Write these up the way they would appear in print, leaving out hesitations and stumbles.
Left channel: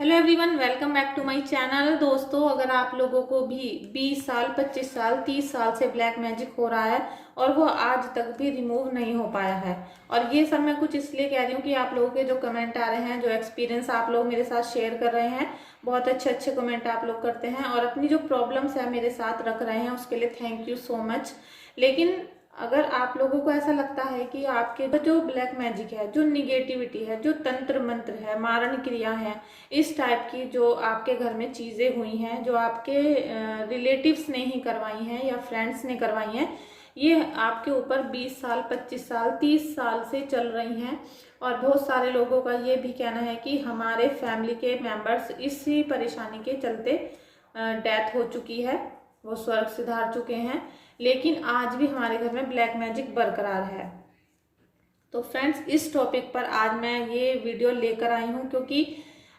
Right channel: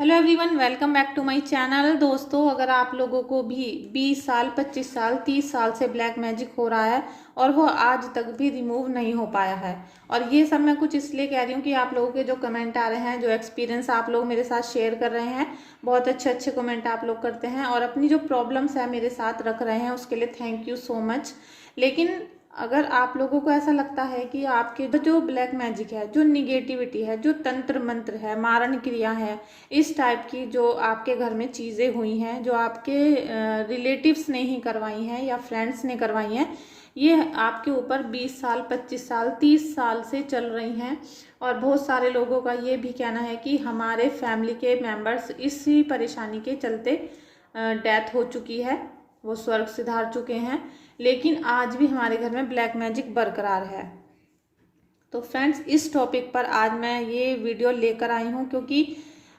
Hello everyone, welcome back to my channel. दोस्तों, अगर आप लोगों को भी 20 साल, 25 साल, 30 साल से ब्लैक मैजिक हो रहा है और वो आज तक भी रिमूव नहीं हो पाया है, और ये सब मैं कुछ इसलिए कह रही हूँ कि आप लोगों के जो कमेंट आ रहे हैं, जो एक्सपीरियंस आप लोग मेरे साथ शेयर कर रहे हैं, बहुत अच्छे अच्छे कमेंट आप लोग करते हैं और अपनी जो प्रॉब्लम्स है मेरे साथ रख रहे हैं, उसके लिए थैंक यू सो मच। लेकिन अगर आप लोगों को ऐसा लगता है कि आपके जो ब्लैक मैजिक है, जो निगेटिविटी है, जो तंत्र मंत्र है, मारण क्रिया है, इस टाइप की जो आपके घर में चीज़ें हुई हैं, जो आपके रिलेटिव्स ने ही करवाई हैं या फ्रेंड्स ने करवाई हैं, ये आपके ऊपर 20 साल, 25 साल, 30 साल से चल रही हैं। और बहुत सारे लोगों का ये भी कहना है कि हमारे फैमिली के मेंबर्स इसी परेशानी के चलते डेथ हो चुकी है, वो स्वर्ग सिधार चुके हैं, लेकिन आज भी हमारे घर में ब्लैक मैजिक बरकरार है। तो फ्रेंड्स, इस टॉपिक पर आज मैं ये वीडियो लेकर आई हूँ क्योंकि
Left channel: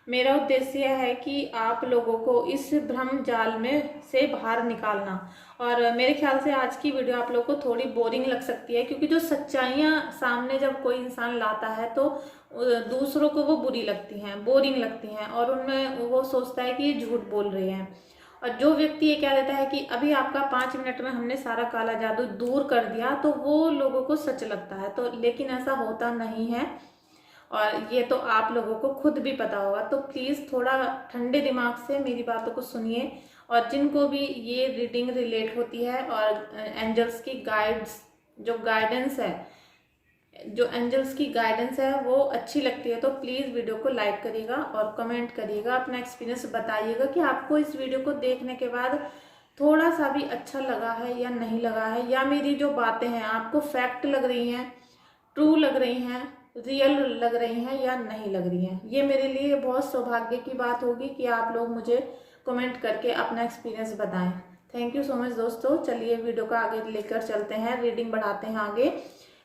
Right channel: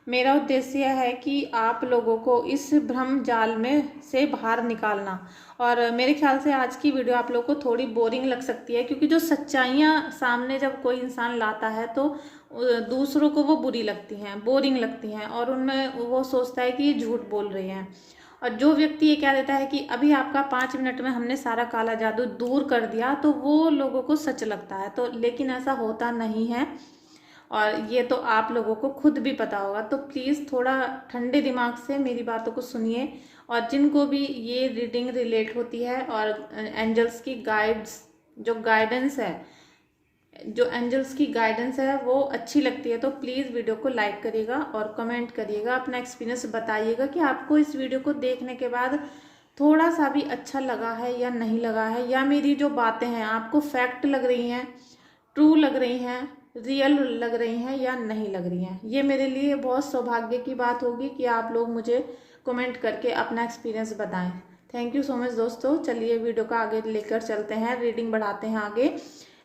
मेरा उद्देश्य है कि आप लोगों को इस भ्रम जाल में से बाहर निकालना। और मेरे ख्याल से आज की वीडियो आप लोगों को थोड़ी बोरिंग लग सकती है, क्योंकि जो सच्चाइयाँ सामने जब कोई इंसान लाता है तो दूसरों को वो बुरी लगती हैं, बोरिंग लगती हैं, और उनमें वो सोचता है कि ये झूठ बोल रहे हैं। और जो व्यक्ति ये कह देता है कि अभी आपका 5 मिनट में हमने सारा काला जादू दूर कर दिया, तो वो लोगों को सच लगता है। तो लेकिन ऐसा होता नहीं है, और ये तो आप लोगों को खुद भी पता होगा। तो प्लीज़ थोड़ा ठंडे दिमाग से मेरी बातों को सुनिए, और जिनको भी ये रीडिंग रिलेट होती है और एंजल्स की गाइडेंस है, जो एंजल्स की गाइडेंस है वो अच्छी लगती है, तो प्लीज़ वीडियो को लाइक करिएगा और कमेंट करिएगा, अपना एक्सपीरियंस बताइएगा कि आपको इस वीडियो को देखने के बाद थोड़ा सा भी अच्छा लगा है या नहीं लगा है, या मेरी जो बातें हैं आपको फैक्ट लग रही हैं, ट्रू लग रही हैं, रियल लग रही हैं या नहीं लग रही हैं। ये मेरे लिए बहुत सौभाग्य की बात होगी कि आप लोग मुझे कमेंट करके अपना एक्सपीरियंस बताएं। थैंक यू सो मच दोस्तों। चलिए वीडियो का आगे लेकर चलते हैं, रीडिंग बढ़ाते हैं आगे।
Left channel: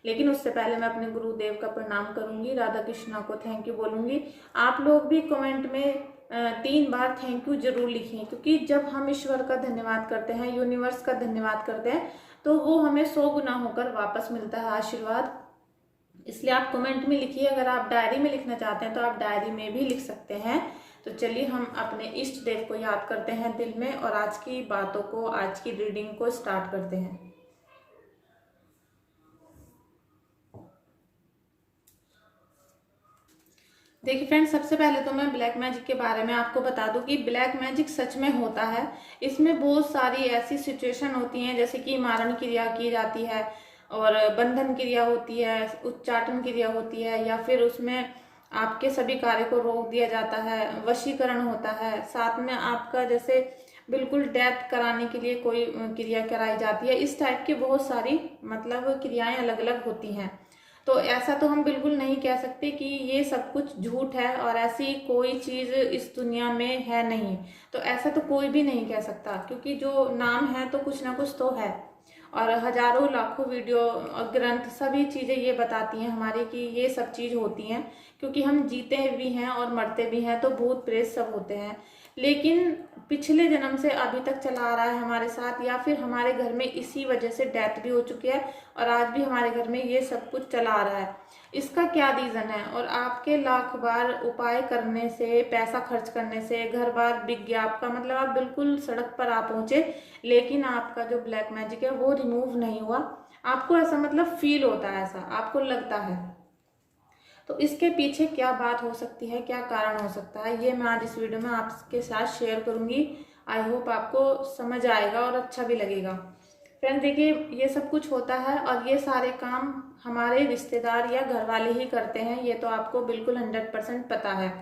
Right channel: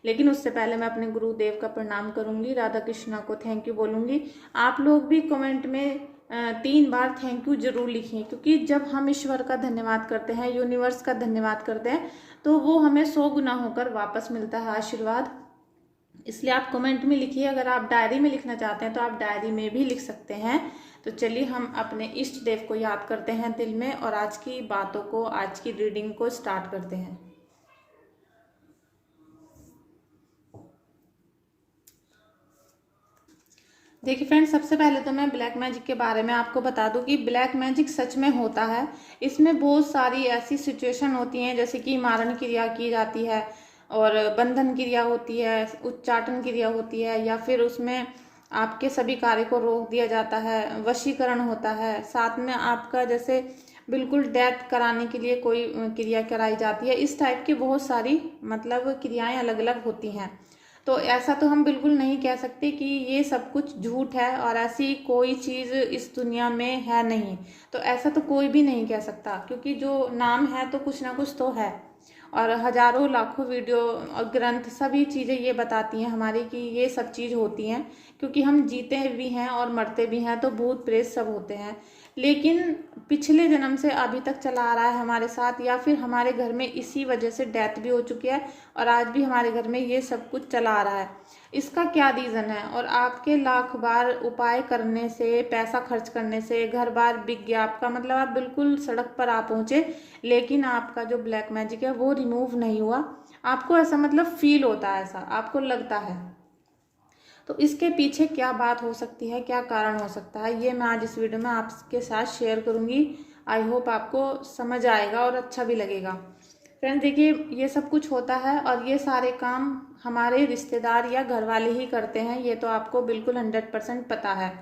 लेकिन उससे पहले मैं अपने गुरुदेव का प्रणाम करूंगी, राधा कृष्णा को थैंक यू बोलूंगी। आप लोग भी कमेंट में 3 बार थैंक यू जरूर लिखिए, क्योंकि जब हम ईश्वर का धन्यवाद करते हैं, यूनिवर्स का धन्यवाद करते हैं, तो वो हमें 100 गुना होकर वापस मिलता है आशीर्वाद। इसलिए आप कमेंट में लिखिए। अगर आप डायरी में लिखना चाहते हैं तो आप डायरी में भी लिख सकते हैं। तो चलिए हम अपने इष्ट देव को याद करते हैं दिल में, और आज की बातों को, आज की रीडिंग को स्टार्ट करते हैं। देखिए फ्रेंड्स, सबसे पहले तो मैं ब्लैक मैजिक के बारे में आपको बता दूं कि ब्लैक मैजिक सच में होता है। इसमें बहुत सारी ऐसी सिचुएशन होती हैं, जैसे कि मारण क्रिया की जाती है, और बंधन क्रिया होती है, उच्चाटन क्रिया होती है, या फिर उसमें आपके सभी कार्य को रोक दिया जाता है, वशीकरण होता है, साथ में आपका जैसे बिल्कुल डेथ कराने के लिए कोई क्रिया कराई जाती है। इस टाइप की बहुत सारी मतलब क्रियाएं अलग अलग होती हैं। तो ऐसा तो हम बिल्कुल नहीं कह सकते कि ये सब कुछ झूठ है और ऐसी कोई चीज़ इस दुनिया में है नहीं। तो ऐसा तो कोई भी नहीं कह सकता, क्योंकि जो नाम है तो कुछ ना कुछ तो है। और हजारों लाखों वीडियो और ग्रंथ सभी चीज़ें ये बताती हैं हमारी कि ये सब चीज़ होती हैं, क्योंकि हम जीते भी हैं और मरते भी हैं, तो भूत प्रेत सब होते हैं। लेकिन पिछले जन्म से अभी तक चला आ रहा है हमारे साथ, या फिर हमारे घर में इसी वजह से डेथ भी हो चुकी है और आज भी हमारे घर में ये सब कुछ चला आ रहा है। इसका क्या रीज़न है? और आपके लाख बार उपाय करने से, पैसा खर्च करने से, घर बार बिक गया आपका, मतलब आप बिल्कुल सड़क पर आ पहुंचे, लेकिन आपका जो ब्लैक मैजिक है वो रिमूव नहीं हुआ। आपको ऐसा मतलब फील होता है, ऐसा आपको लगता है। तो इसके पीछे क्या बात हो सकती है, क्या कारण हो सकता है, ये मैं आज इस वीडियो में आपके साथ शेयर करूंगी। आई होप आपको समझ आएगा और अच्छा भी लगेगा। फ्रेंड्स देखिए, ये सब कुछ होता है और ये सारे काम हमारे रिश्तेदार या घर वाले ही करते हैं, ये तो आपको बिल्कुल 100% पता है।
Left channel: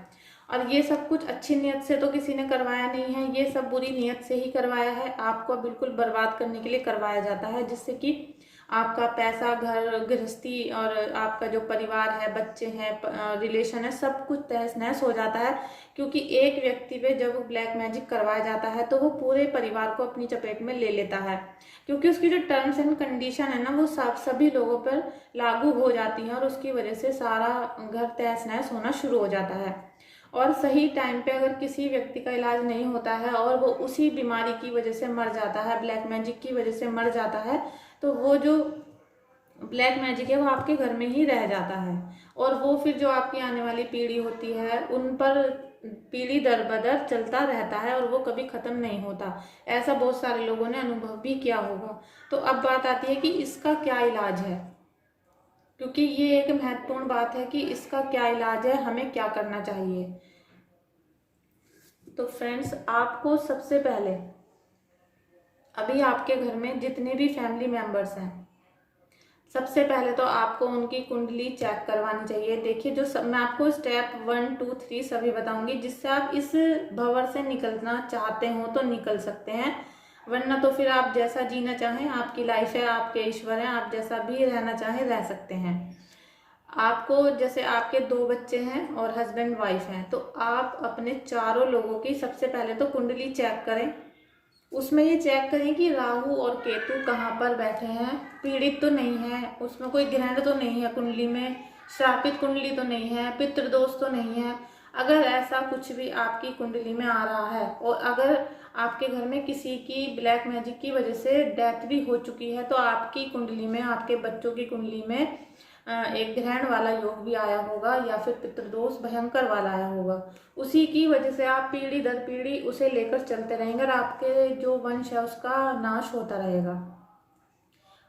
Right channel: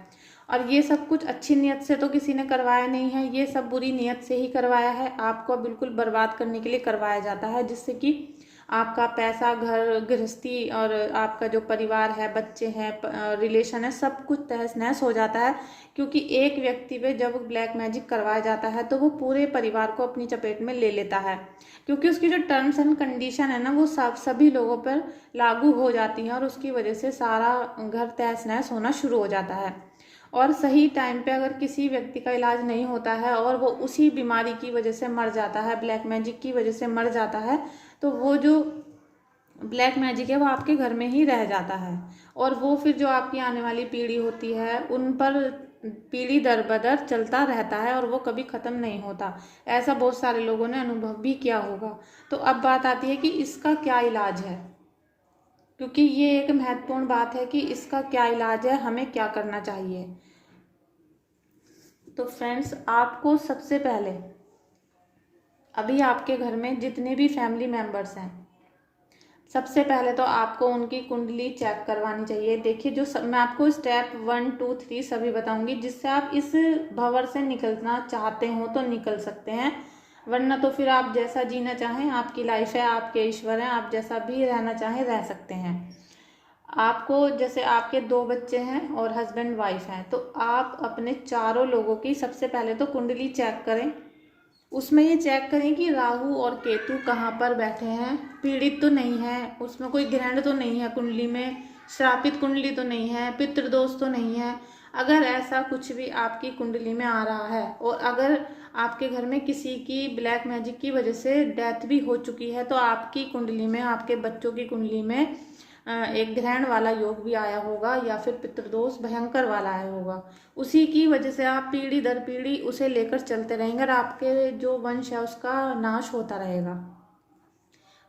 और ये सब कुछ अच्छी नीयत से तो किसी ने करवाया नहीं है, ये सब बुरी नीयत से ही करवाया है, आपको बिल्कुल बर्बाद करने के लिए करवाया जाता है, जिससे कि आपका पैसा, घर गृहस्थी और आपका जो परिवार है, बच्चे हैं, रिलेशन है, सब कुछ तहस नहस हो जाता है। क्योंकि एक व्यक्ति पे जब ब्लैक मैजिक करवाया जाता है तो वो पूरे परिवार को अपनी चपेट में ले लेता है, क्योंकि उसकी जो टर्म्स एंड कंडीशन है ना, वो सभी लोगों पर लागू हो जाती है, और उसकी वजह से सारा घर तहस नहस होना शुरू हो जाता है। और सही टाइम पे अगर किसी व्यक्ति का इलाज नहीं होता है और वो उसी बीमारी की वजह से मर जाता है, ब्लैक मैजिक की वजह से मर जाता है, तो वो जो ब्लैक मैजिक है वो आपके घर में ही रह जाता है, और वो फिर जो आपकी आने वाली पीढ़ी होती है उन पर पीढ़ी दर बदर चलता रहता है और वो कभी ख़त्म नहीं होता। ऐसा बहुत सारे लोगों ने अनुभव भी किया होगा। तो अब बात आती है कि इसका क्या इलाज है, क्योंकि ये एक महत्वपूर्ण बात है कि इसका क्या इलाज है, हमें क्या करना चाहिए। तो फ्रेंड्स, आपको सबसे पहले अभी आपके घर में जितने भी फैमिली मेंबर्स हैं, सबसे पहले तो आपको उनकी कुंडली चेक करवानी चाहिए। देखिए, मैं आपको स्टेप 1 2 3 सभी बताऊंगी, जिससे आप इस भंवर से निकलना चाहते हो तो निकल सकते हैं, वरना तो फिर आप जैसा जीना चाहें, आपकी लाइफ है, आपके ईश्वर हैं, आप जैसा भी रहना चाहें रह सकते हैं। आपको, जैसे आपके 2 बच्चे हैं और हस्बैंड वाइफ हैं, तो आप अपने चारों लोगों की सबसे पहले तो कुंडली चेक करें। उसमें ये चेक करें कि राहु और केतु कहाँ पर बैठे हैं, पीड़ित तो नहीं है, उसमें कोई ग्रहण तो नहीं है कुंडली में, श्रापित कुंडली तो नहीं है, पितृदोष तो नहीं है। अगर ऐसा कुछ भी आपकी कुंडली में आ रहा है और अगर आपके घर में किसी की ब्लैक मैजिक की वजह से डेथ भी हो चुकी है, तो आपकी कुंडली में, आपके बच्चों की कुंडली में एक ग्रहण वाला योग भी आया होगा या फिर पितृदोष भयंकर वाला आया होगा। उसी की वजह से आप पीढ़ी दर पीढ़ी उसे लेकर चलते रहेंगे और आपके जो वंश है उसका नाश होता रहेगा।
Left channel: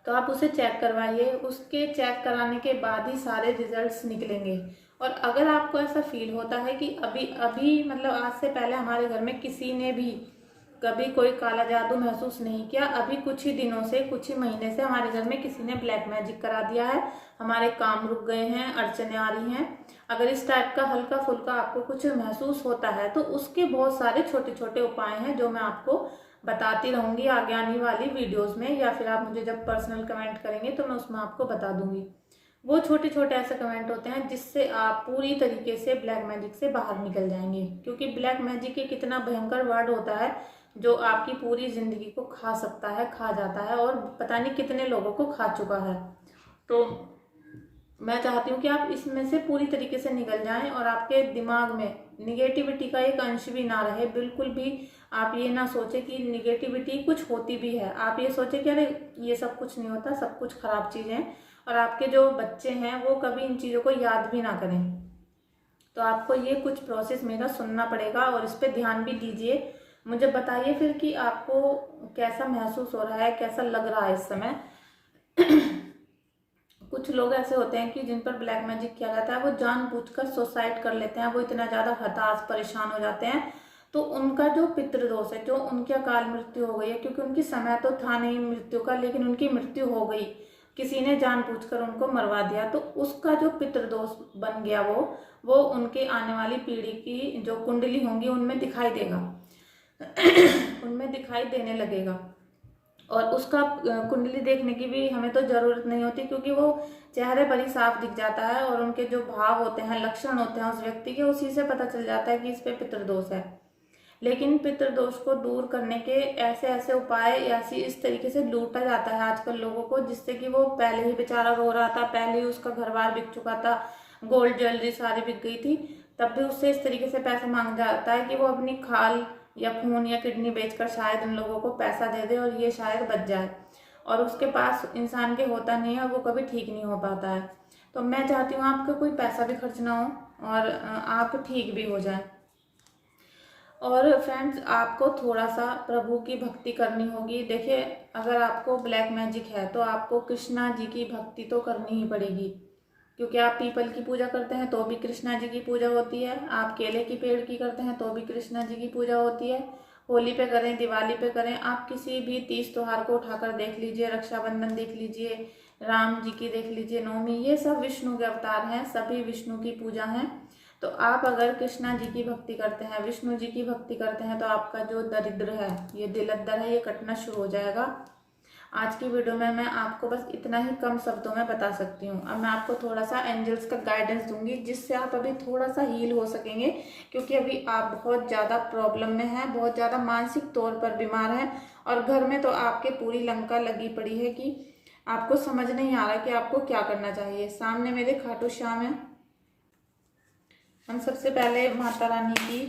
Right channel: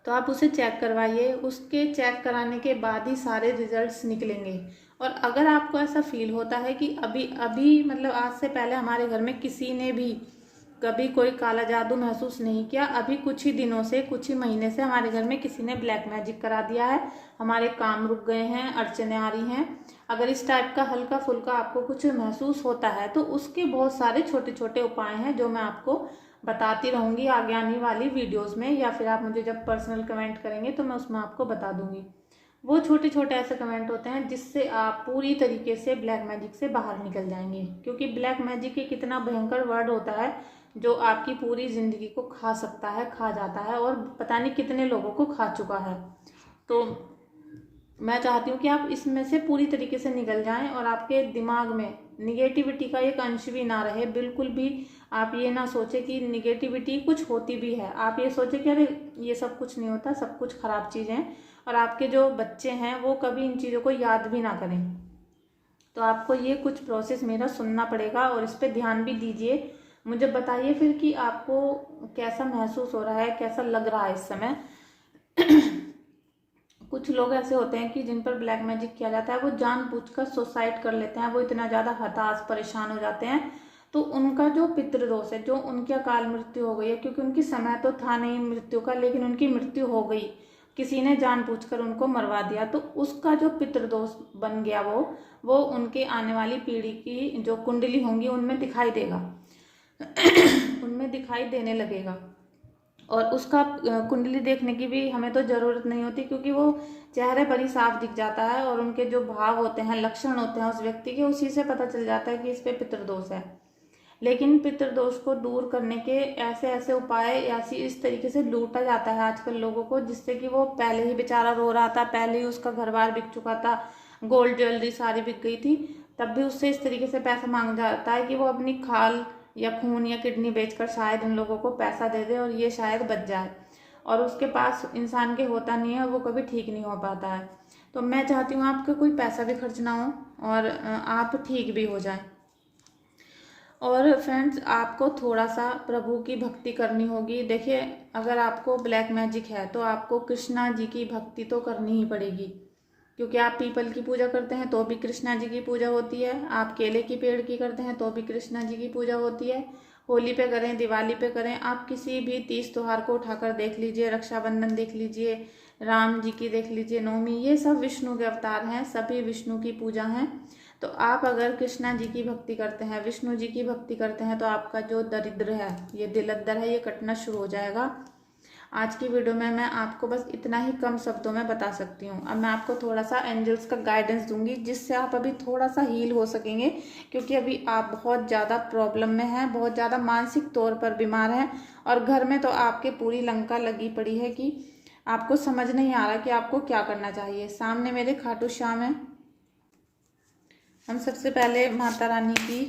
तो आप उसे चेक करवाइए, उसके चेक कराने के बाद ही सारे रिजल्ट्स निकलेंगे। और अगर आपको ऐसा फील होता है कि अभी अभी मतलब आज से पहले हमारे घर में किसी ने भी कभी कोई काला जादू महसूस नहीं किया, अभी कुछ ही दिनों से, कुछ ही महीने से हमारे घर में किसी ने ब्लैक मैजिक करा दिया है, हमारे काम रुक गए हैं, अड़चने आ रही हैं, अगर इस टाइप का हल्का फुल्का आपको कुछ महसूस होता है, तो उसके बहुत सारे छोटे छोटे उपाय हैं जो मैं आपको बताती रहूंगी आगे आने वाली वीडियोस में, या फिर आप मुझे जब पर्सनल कमेंट करेंगे तो मैं उसमें आपको बता दूंगी। वो छोटे छोटे ऐसे कमेंट होते हैं जिससे आप पूरी तरीके से ब्लैक मैजिक से बाहर निकल जाएंगे, क्योंकि ब्लैक मैजिक एक इतना भयंकर वर्ड होता है जो आपकी पूरी जिंदगी को खा सकता है, खा जाता है, और पता नहीं कितने लोगों को खा चुका है। तो मैं चाहती हूँ कि आप इसमें से पूरी तरीके से निकल जाएं और आपके दिमाग में निगेटिविटी का एक अंश भी ना रहे। बिल्कुल भी आप ये ना सोचे कि निगेटिविटी कुछ होती भी है, आप ये सोचे कि अरे ये सब कुछ नहीं होता, सब कुछ खराब चीज़ें हैं, और आपके जो बच्चे हैं वो कभी इन चीज़ों को याद भी ना करें। तो आपको ये कुछ प्रोसेस मेरा सुनना पड़ेगा और इस पर ध्यान भी दीजिए। मुझे बताइए फिर कि आपको कैसा महसूस हो रहा है, कैसा लग रहा है इस समय। कुछ लोग ऐसे होते हैं कि जिन पर ब्लैक मैजिक किया जाता है वो जानबूझकर सुसाइड कर लेते हैं, वो इतना ज़्यादा हताश परेशान हो जाते हैं, तो उनका जो पितृदोष है, जो उनकी अकाल मृत्यु हो गई है, क्योंकि उनकी समय तो था नहीं मृत्यु का, लेकिन उनकी मृत्यु हो गई, किसी ने जानबूझकर उनको मरवा दिया, तो उसका जो पितृदोष बन गया वो उनके आने वाली पीढ़ी की जो कुंडली होंगी उनमें दिखाई देगा। उनमें दिखाई देने लगेगा। और उसका कुंडली देखने की भी हमें तो ज़रूरत नहीं होती, क्योंकि वो चेहरे पर ही साफ दिख जाता है और उनके जो भाव होते हैं, लक्षण होते हैं उस व्यक्ति के, उसी से पता चल जाता है कि इस पे पितृदोष है। लेकिन पितृदोष को दूर करने के ऐसे ऐसे उपाय, ऐसी इस तरीके से लूटा जाता है आजकल लोगों को, जिससे कि वो पहले ही बेचारा रो रहा था, पहले ही उसका घर बार बिक चुका था, गोल्ड ज्वेलरी सारी बिक गई थी, तब भी उससे इस तरीके से पैसा मांगा जाता है कि वो अपनी खाल या खून या किडनी बेचकर शायद उन लोगों को पैसा दे दे और ये शायद बच जाए, और उसके पास इंसान के होता नहीं है, वो कभी ठीक नहीं हो पाता है। तो मैं चाहती हूँ आपका कोई पैसा भी खर्च ना हो और आप ठीक भी हो जाए। और फ्रेंड्स, आपको थोड़ा सा प्रभु की भक्ति करनी होगी। देखिए, अगर आपको ब्लैक मैजिक है तो आपको कृष्णा जी की भक्ति तो करनी ही पड़ेगी, क्योंकि आप पीपल की पूजा करते हैं तो भी कृष्णा जी की पूजा होती है, आप केले की पेड़ की करते हैं तो भी कृष्णा जी की पूजा होती है। होली पे करें, दिवाली पे करें, आप किसी भी तीज त्योहार को उठाकर देख लीजिए, रक्षाबंधन देख लीजिए, राम जी की देख लीजिए, नवमी, ये सब विष्णु के अवतार हैं, सभी विष्णु की पूजा हैं। तो आप अगर कृष्णा जी की भक्ति करते हैं, विष्णु जी की भक्ति करते हैं, तो आपका जो दरिद्र है, ये दिलद्दर है, ये कटना शुरू हो जाएगा। आज की वीडियो में मैं आपको बस इतना ही कम शब्दों में बता सकती हूँ। अब मैं आपको थोड़ा सा एंजल्स का गाइडेंस दूंगी, जिससे आप अभी थोड़ा सा हील हो सकेंगे, क्योंकि अभी आप बहुत ज़्यादा प्रॉब्लम में हैं, बहुत ज़्यादा मानसिक तौर पर बीमार हैं, और घर में तो आपके पूरी लंका लगी पड़ी है कि आपको समझ नहीं आ रहा कि आपको क्या करना चाहिए। सामने मेरे खाटू श्याम है। हम सबसे पहले माता रानी की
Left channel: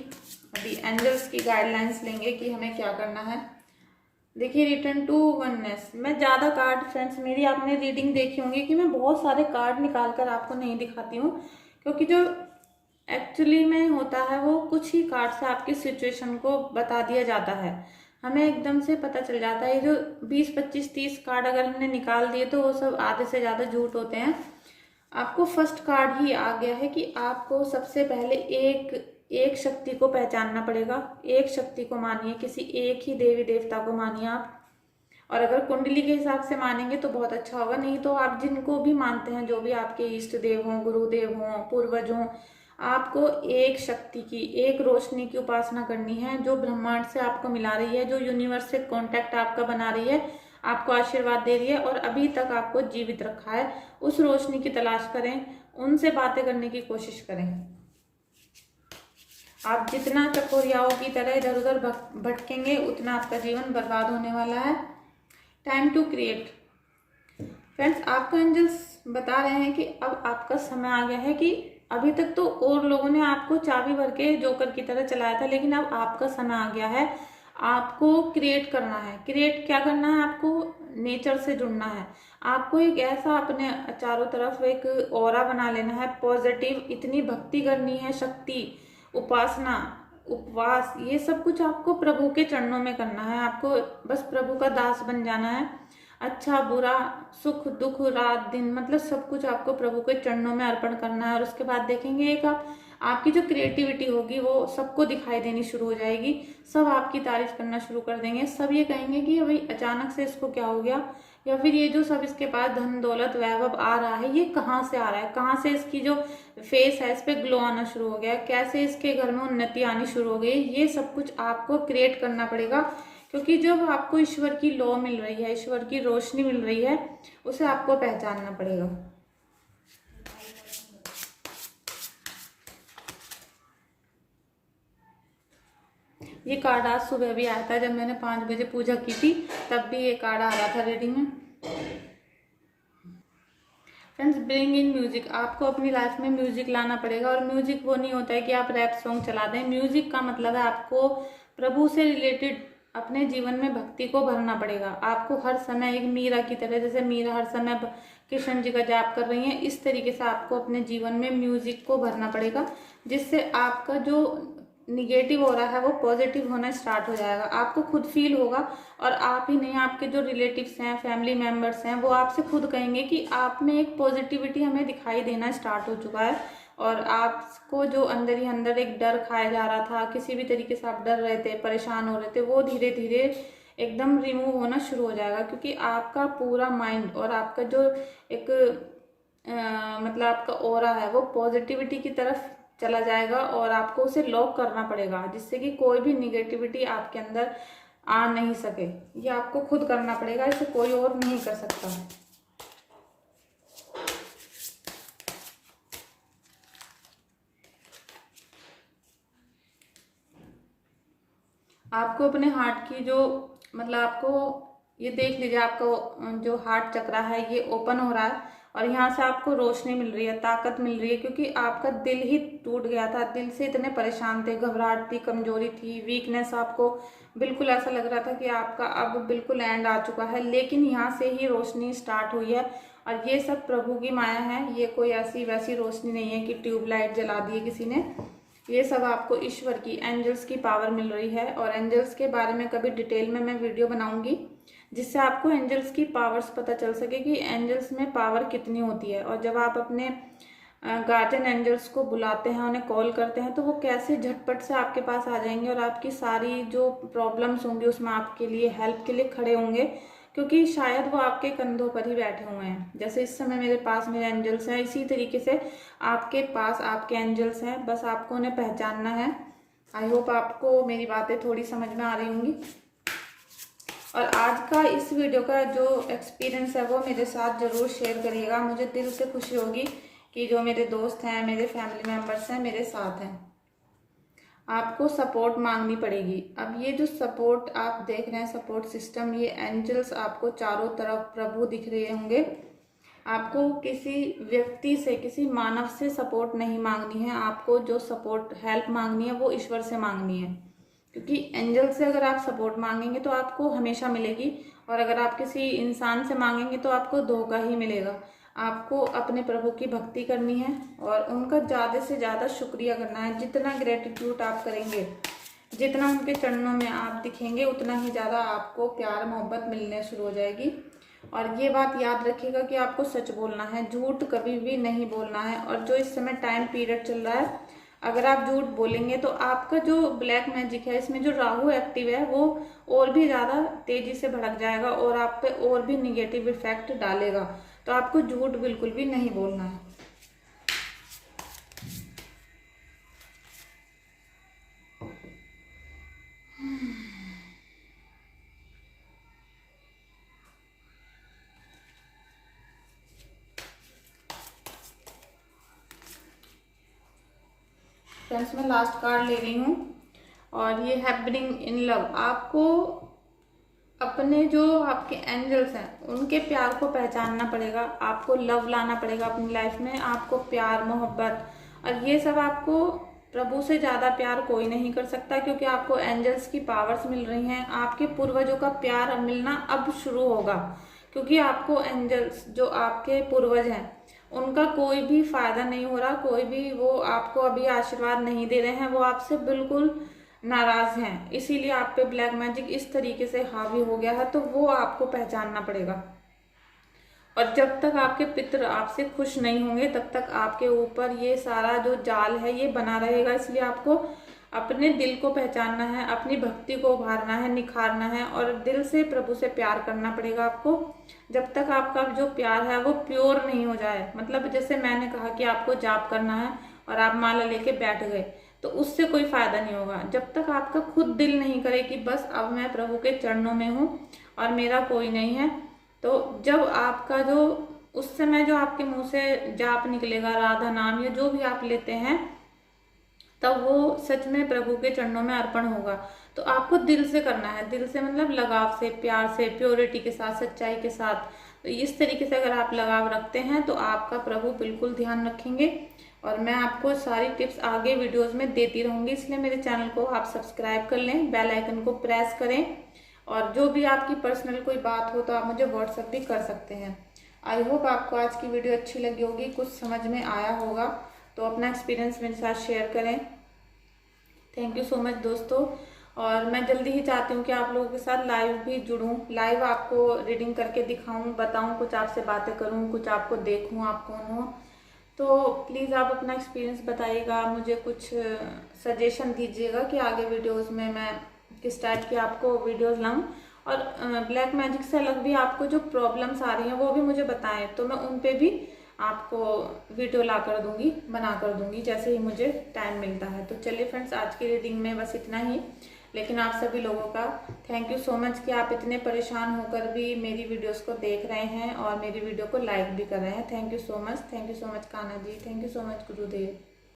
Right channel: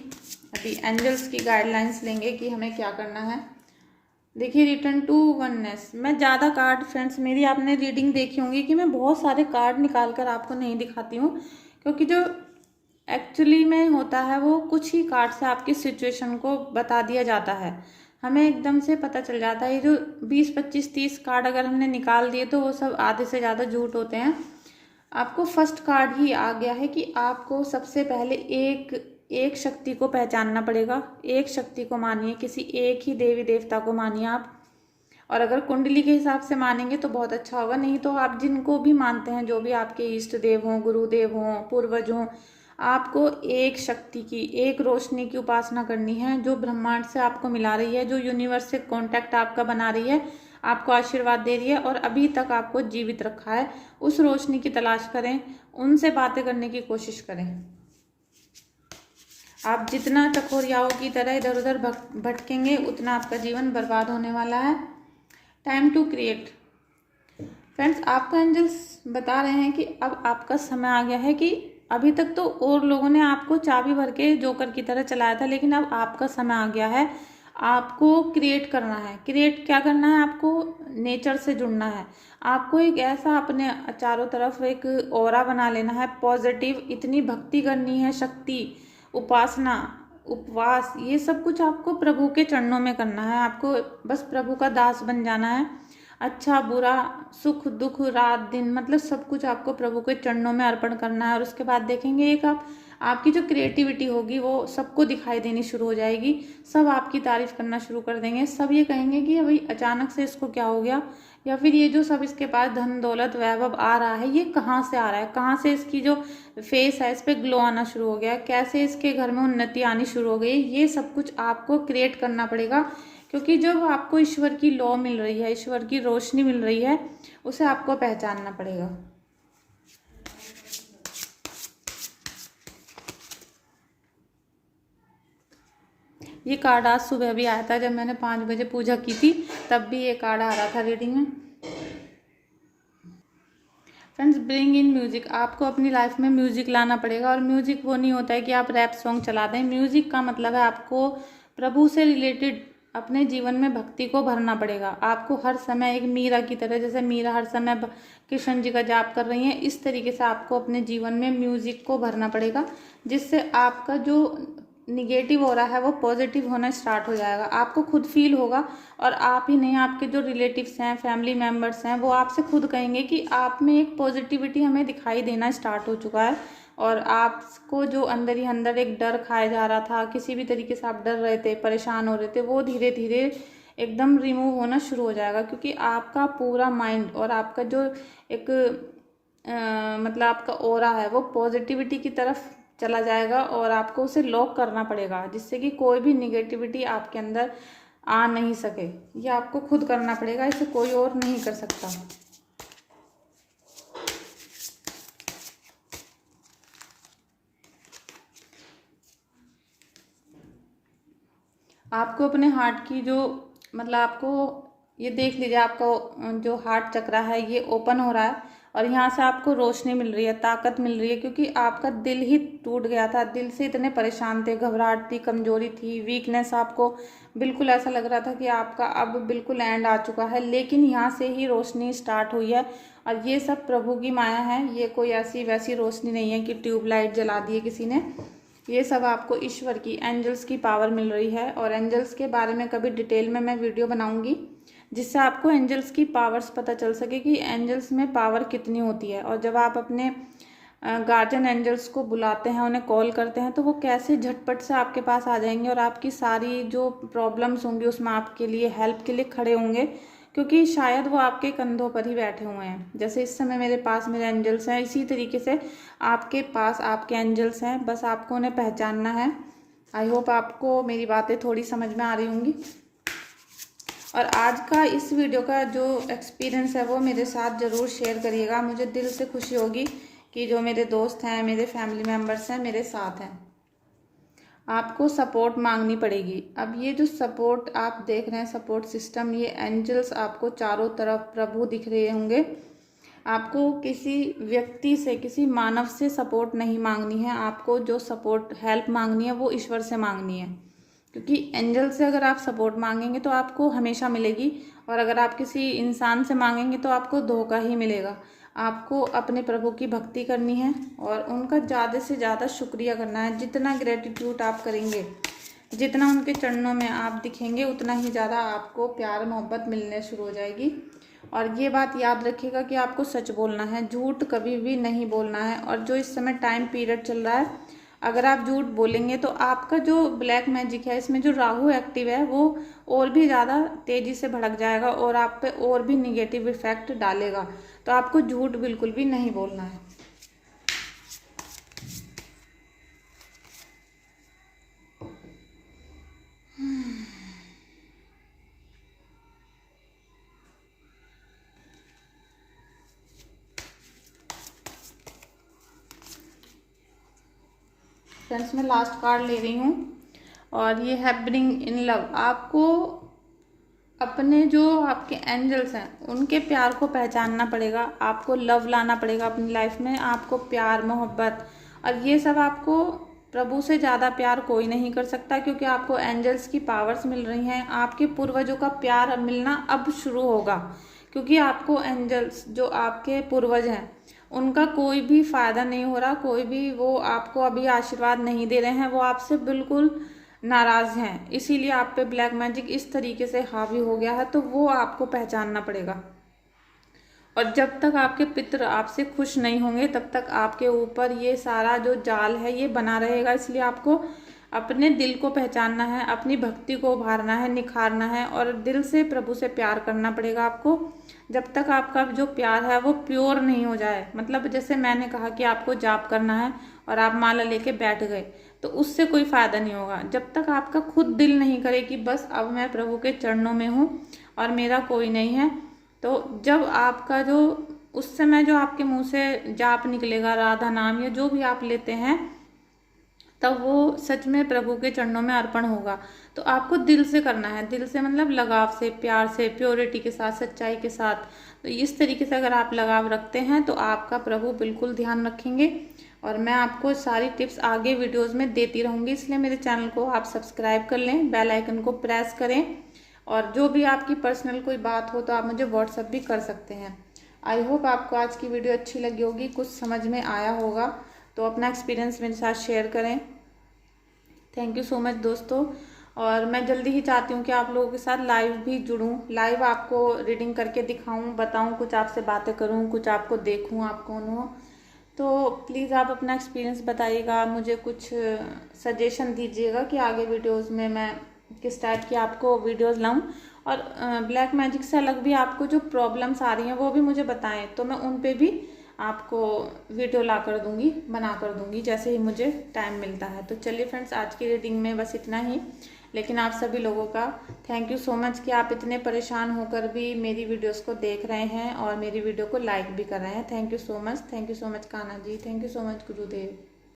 अभी एंजल्स की गाइडलाइंस लेंगे कि हमें क्या करना है। देखिए, रिटर्न टू वननेस। मैं ज़्यादा कार्ड, फ्रेंड्स मेरी आपने रीडिंग देखी होंगी कि मैं बहुत सारे कार्ड निकाल कर आपको नहीं दिखाती हूँ, क्योंकि जो एक्चुअली में होता है वो कुछ ही कार्ड से आपकी सिचुएशन को बता दिया जाता है, हमें एकदम से पता चल जाता है। ये जो 20 25 30 कार्ड अगर हमने निकाल दिए तो वो सब आधे से ज़्यादा झूठ होते हैं। आपको फर्स्ट कार्ड ही आ गया है कि आपको सबसे पहले एक एक शक्ति को पहचानना पड़ेगा, एक शक्ति को मानिए, किसी एक ही देवी देवता को मानिए आप। और अगर कुंडली के हिसाब से मानेंगे तो बहुत अच्छा होगा, नहीं तो आप जिनको भी मानते हैं, जो भी आपके इष्ट देव हों, गुरुदेव हों, पूर्वज हों, आपको एक शक्ति की, एक रोशनी की उपासना करनी है जो ब्रह्मांड से आपको मिला रही है, जो यूनिवर्स से कांटेक्ट आपका बना रही है, आपको आशीर्वाद दे रही है और अभी तक आपको जीवित रखा है। उस रोशनी की तलाश करें, उनसे बातें करने की कोशिश करें। आप जितना चकोरियाओं की तरह इधर उधर भटकेंगे उतना आपका जीवन बर्बाद होने वाला है। Time to create. फ्रेंड्स, आपका एंजल्स बता रहे हैं कि अब आपका समय आ गया है कि अभी तक तो और लोगों ने आपको चाबी भर के जोकर की तरह चलाया था, लेकिन अब आपका समय आ गया है। आपको क्रिएट करना है। क्रिएट क्या करना है? आपको नेचर से जुड़ना है। आपको एक ऐसा अपने चारों तरफ एक ऑरा बना लेना है, पॉजिटिव, इतनी भक्ति करनी है, शक्ति, उपासना, उपवास, ये सब कुछ आपको प्रभु के चरणों में करना है। आपको बस प्रभु का दास बन जाना है। अच्छा बुरा, सुख दुख, रात दिन, मतलब सब कुछ आपको प्रभु के चरणों में अर्पण करना है। और उसके बाद देखेंगे एक आपकी जो क्रिएटिविटी होगी वो सबको दिखाई देनी शुरू हो जाएगी। सब आपकी तारीफ करना शुरू कर देंगे। सब ये कहेंगे कि भाई अचानक से इसको क्या हो गया, या फिर ये जो सब इसके पास धन दौलत वैभव आ रहा है ये कहाँ से आ रहा है, कहाँ से इसकी जो फेस है इस पे ग्लो आना शुरू हो गया, कैसे इसके घर में उन्नति आनी शुरू हो गई। ये सब कुछ आपको क्रिएट करना पड़ेगा, क्योंकि जब आपको ईश्वर की लॉ मिल रही है, ईश्वर की रोशनी मिल रही है, उसे आपको पहचानना पड़ेगा। ये कार्ड आज सुबह भी आया था, जब मैंने 5 बजे पूजा की थी तब भी ये कार्ड आ रहा था रीडिंग में। Friends, bring in music. आपको अपनी लाइफ में म्यूजिक लाना पड़ेगा। और म्यूजिक वो नहीं होता है कि आप रैप सॉन्ग चला दें। म्यूजिक का मतलब है आपको प्रभु से रिलेटेड अपने जीवन में भक्ति को भरना पड़ेगा। आपको हर समय एक मीरा की तरह, जैसे मीरा हर समय कृष्ण जी का जाप कर रही हैं, इस तरीके से आपको अपने जीवन में म्यूजिक को भरना पड़ेगा, जिससे आपका जो निगेटिव हो रहा है वो पॉजिटिव होना स्टार्ट हो जाएगा। आपको खुद फील होगा, और आप ही नहीं, आपके जो रिलेटिव्स हैं, फैमिली मेम्बर्स हैं, वो आपसे खुद कहेंगे कि आप में एक पॉजिटिविटी हमें दिखाई देना स्टार्ट हो चुका है। और आपको जो अंदर ही अंदर एक डर खाया जा रहा था, किसी भी तरीके से आप डर रहे थे, परेशान हो रहे थे, वो धीरे धीरे एकदम रिमूव होना शुरू हो जाएगा। क्योंकि आपका पूरा माइंड और आपका जो एक मतलब आपका ऑरा है वो पॉजिटिविटी की तरफ चला जाएगा, और आपको उसे लॉक करना पड़ेगा, जिससे कि कोई भी निगेटिविटी आपके अंदर आ नहीं सके। ये आपको खुद करना पड़ेगा, इसे कोई और नहीं कर सकता। आपको अपने हार्ट की जो, मतलब आपको ये देख लीजिए, आपका जो हार्ट चक्रा है ये ओपन हो रहा है, और यहाँ से आपको रोशनी मिल रही है, ताकत मिल रही है। क्योंकि आपका दिल ही टूट गया था, दिल से इतने परेशान थे, घबराहट थी, कमजोरी थी, वीकनेस, आपको बिल्कुल ऐसा लग रहा था कि आपका अब बिल्कुल एंड आ चुका है। लेकिन यहाँ से ही रोशनी स्टार्ट हुई है, और ये सब प्रभु की माया है। ये कोई ऐसी वैसी रोशनी नहीं है कि ट्यूबलाइट जला दी है किसी ने। ये सब आपको ईश्वर की, एंजल्स की पावर मिल रही है। और एंजल्स के बारे में कभी डिटेल में मैं वीडियो बनाऊंगी, जिससे आपको एंजल्स की पावर्स पता चल सके कि एंजल्स में पावर कितनी होती है। और जब आप अपने गार्जियन एंजल्स को बुलाते हैं, उन्हें कॉल करते हैं, तो वो कैसे झटपट से आपके पास आ जाएंगे और आपकी सारी जो प्रॉब्लम्स होंगी उसमें आपके लिए हेल्प के लिए खड़े होंगे। क्योंकि शायद वो आपके कंधों पर ही बैठे हुए हैं। जैसे इस समय मेरे पास मेरे एंजल्स हैं, इसी तरीके से आपके पास आपके एंजल्स हैं, बस आपको उन्हें पहचानना है। आई होप आपको मेरी बातें थोड़ी समझ में आ रही होंगी। और आज का इस वीडियो का जो एक्सपीरियंस है वो मेरे साथ ज़रूर शेयर करिएगा। मुझे दिल से खुशी होगी कि जो मेरे दोस्त हैं, मेरे फैमिली मेम्बर्स हैं, मेरे साथ हैं। आपको सपोर्ट मांगनी पड़ेगी। अब ये जो सपोर्ट आप देख रहे हैं, सपोर्ट सिस्टम, ये एंजल्स आपको चारों तरफ प्रभु दिख रहे होंगे। आपको किसी व्यक्ति से, किसी मानव से सपोर्ट नहीं मांगनी है। आपको जो सपोर्ट, हेल्प मांगनी है वो ईश्वर से मांगनी है। क्योंकि एंजल से अगर आप सपोर्ट मांगेंगे तो आपको हमेशा मिलेगी, और अगर आप किसी इंसान से मांगेंगे तो आपको धोखा ही मिलेगा। आपको अपने प्रभु की भक्ति करनी है और उनका ज़्यादा से ज़्यादा शुक्रिया करना है। जितना ग्रेटिट्यूड आप करेंगे, जितना उनके चरणों में आप दिखेंगे, उतना ही ज़्यादा आपको प्यार मोहब्बत मिलने शुरू हो जाएगी। और ये बात याद रखिएगा कि आपको सच बोलना है, झूठ कभी भी नहीं बोलना है। और जो इस समय टाइम पीरियड चल रहा है, अगर आप झूठ बोलेंगे तो आपका जो ब्लैक मैजिक है, इसमें जो राहु एक्टिव है, वो और भी ज़्यादा तेज़ी से भड़क जाएगा और आप पे और भी निगेटिव इफेक्ट डालेगा। तो आपको झूठ बिल्कुल भी नहीं बोलना है। फ्रेंड्स, मैं लास्ट कार्ड ले रही हूँ और ये हैपनिंग इन लव। आपको अपने जो आपके एंजल्स हैं उनके प्यार को पहचानना पड़ेगा, आपको लव लाना पड़ेगा अपनी लाइफ में। आपको प्यार मोहब्बत और ये सब, आपको प्रभु से ज़्यादा प्यार कोई नहीं कर सकता, क्योंकि आपको एंजल्स की पावर्स मिल रही हैं। आपके पूर्वजों का प्यार मिलना अब शुरू होगा, क्योंकि आपको एंजल्स, जो आपके पूर्वज हैं, उनका कोई भी फायदा नहीं हो रहा, कोई भी वो आपको अभी आशीर्वाद नहीं दे रहे हैं, वो आपसे बिल्कुल नाराज हैं। इसीलिए आप पे ब्लैक मैजिक इस तरीके से हावी हो गया है। तो वो आपको पहचानना पड़ेगा। और जब तक आपके पितृ आपसे खुश नहीं होंगे, तब तक आपके ऊपर ये सारा जो जाल है ये बना रहेगा। इसलिए आपको अपने दिल को पहचानना है, अपनी भक्ति को उभारना है, निखारना है और दिल से प्रभु से प्यार करना पड़ेगा आपको। जब तक आपका जो प्यार है वो प्योर नहीं हो जाए, मतलब जैसे मैंने कहा कि आपको जाप करना है और आप माला लेके बैठ गए, तो उससे कोई फायदा नहीं होगा। जब तक आपका खुद दिल नहीं करे कि बस अब मैं प्रभु के चरणों में हूँ और मेरा कोई नहीं है, तो जब आपका जो उस समय जो आपके मुंह से जाप निकलेगा, राधा नाम या जो भी आप लेते हैं, तब वो सच में प्रभु के चरणों में अर्पण होगा। तो आपको दिल से करना है, दिल से मतलब लगाव से, प्यार से, प्योरिटी के साथ, सच्चाई के साथ। तो इस तरीके से अगर आप लगाव रखते हैं तो आपका प्रभु बिल्कुल ध्यान रखेंगे। और मैं आपको सारी टिप्स आगे वीडियोस में देती रहूंगी, इसलिए मेरे चैनल को आप सब्सक्राइब कर लें, बेल आइकन को प्रेस करें। और जो भी आपकी पर्सनल कोई बात हो तो आप मुझे व्हाट्सएप भी कर सकते हैं। आई होप आपको आज की वीडियो अच्छी लगी होगी, कुछ समझ में आया होगा। तो अपना एक्सपीरियंस मेरे साथ शेयर करें। थैंक यू सो मच दोस्तों। और मैं जल्दी ही चाहती हूँ कि आप लोगों के साथ लाइव भी जुड़ूं, लाइव आपको रीडिंग करके दिखाऊं, बताऊं, कुछ आपसे बातें करूं, कुछ आपको देखूं आप कौन हो। तो प्लीज़ आप अपना एक्सपीरियंस बताइएगा, मुझे कुछ सजेशन दीजिएगा कि आगे वीडियोस में मैं किस टाइप की आपको वीडियोस लाऊं। और ब्लैक मैजिक से अलग भी आपको जो प्रॉब्लम्स आ रही हैं वो भी मुझे बताएं, तो मैं उन पे भी आपको वीडियो ला कर दूंगी, बना कर दूंगी, जैसे ही मुझे टाइम मिलता है। तो चलिए फ्रेंड्स, आज की रीडिंग में बस इतना ही। लेकिन आप सभी लोगों का थैंक यू सो मच कि आप इतने परेशान होकर भी मेरी वीडियोस को देख रहे हैं और मेरी वीडियो को लाइक भी कर रहे हैं। Thank you so much, thank you so much Kanha ji, thank you so much Gurudev.